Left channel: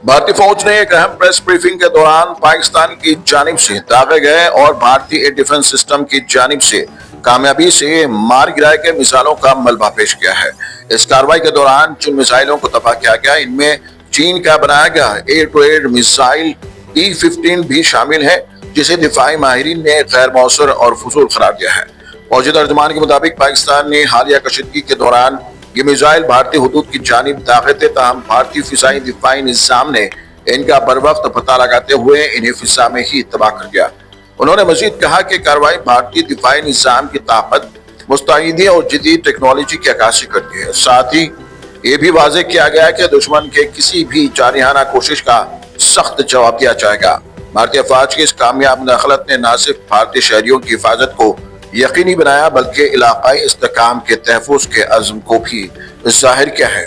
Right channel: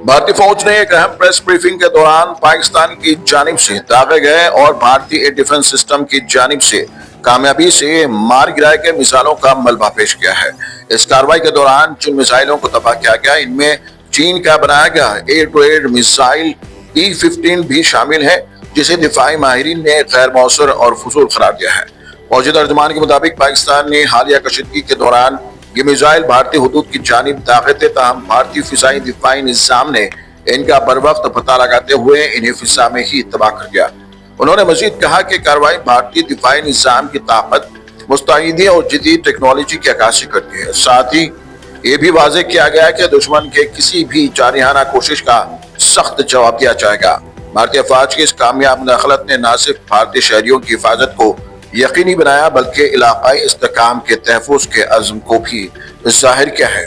भारतीय फौज ने एक अहम प्रेस ब्रीफिंग के दौरान पाकिस्तान की जानिब से दागे गए और भारतीय एयर डिफेंस सिस्टम की जानिब से कामयाबी से मार गिराए के मिसाइलों का मलबा पेश किया है। इस कार्रवाई के दौरान जिन मिसाइलों को तबाह किया गया, इनमें चीन का बनाया गया air to air missile E-15 भी शामिल है, जिसे दिफाई माहिरीन ने गैर मौसर और फजूल करार दिया है। फौजी तर्जमान के मुताबिक पाकिस्तान ने हालिया कशीदगी के दौरान ये मिसाइल भारतीय हुदूद की जानिब दागे थे, ताहम भारतीय फिजाई दिफाई निज़ाम ने इनका बर वक्त पता लगाते हुए इन्हें फिजा में ही तबाह कर दिया। उन्होंने मजीद कहा कि कार्रवाई भारतीय दिफाई निज़ाम की ताकत, मुस्तैदी और जदीद टेक्नोलॉजी की अक्कासी करती है। साथ ही ये भी वाज़ेह किया गया कि दुश्मन के किसी भी जारहाना कोशिश का सख्त जवाब दिया जाएगा। भारतीय फौज की इस कामयाब दखलत ने न सिर्फ भारतीय शहरियों की हिफाजत को यकीनी बनाया, बल्कि इलाकाई इस्तेहकाम के तहफ़्फ़ुज़ के अज़्म को भी ज़ाहिर किया है।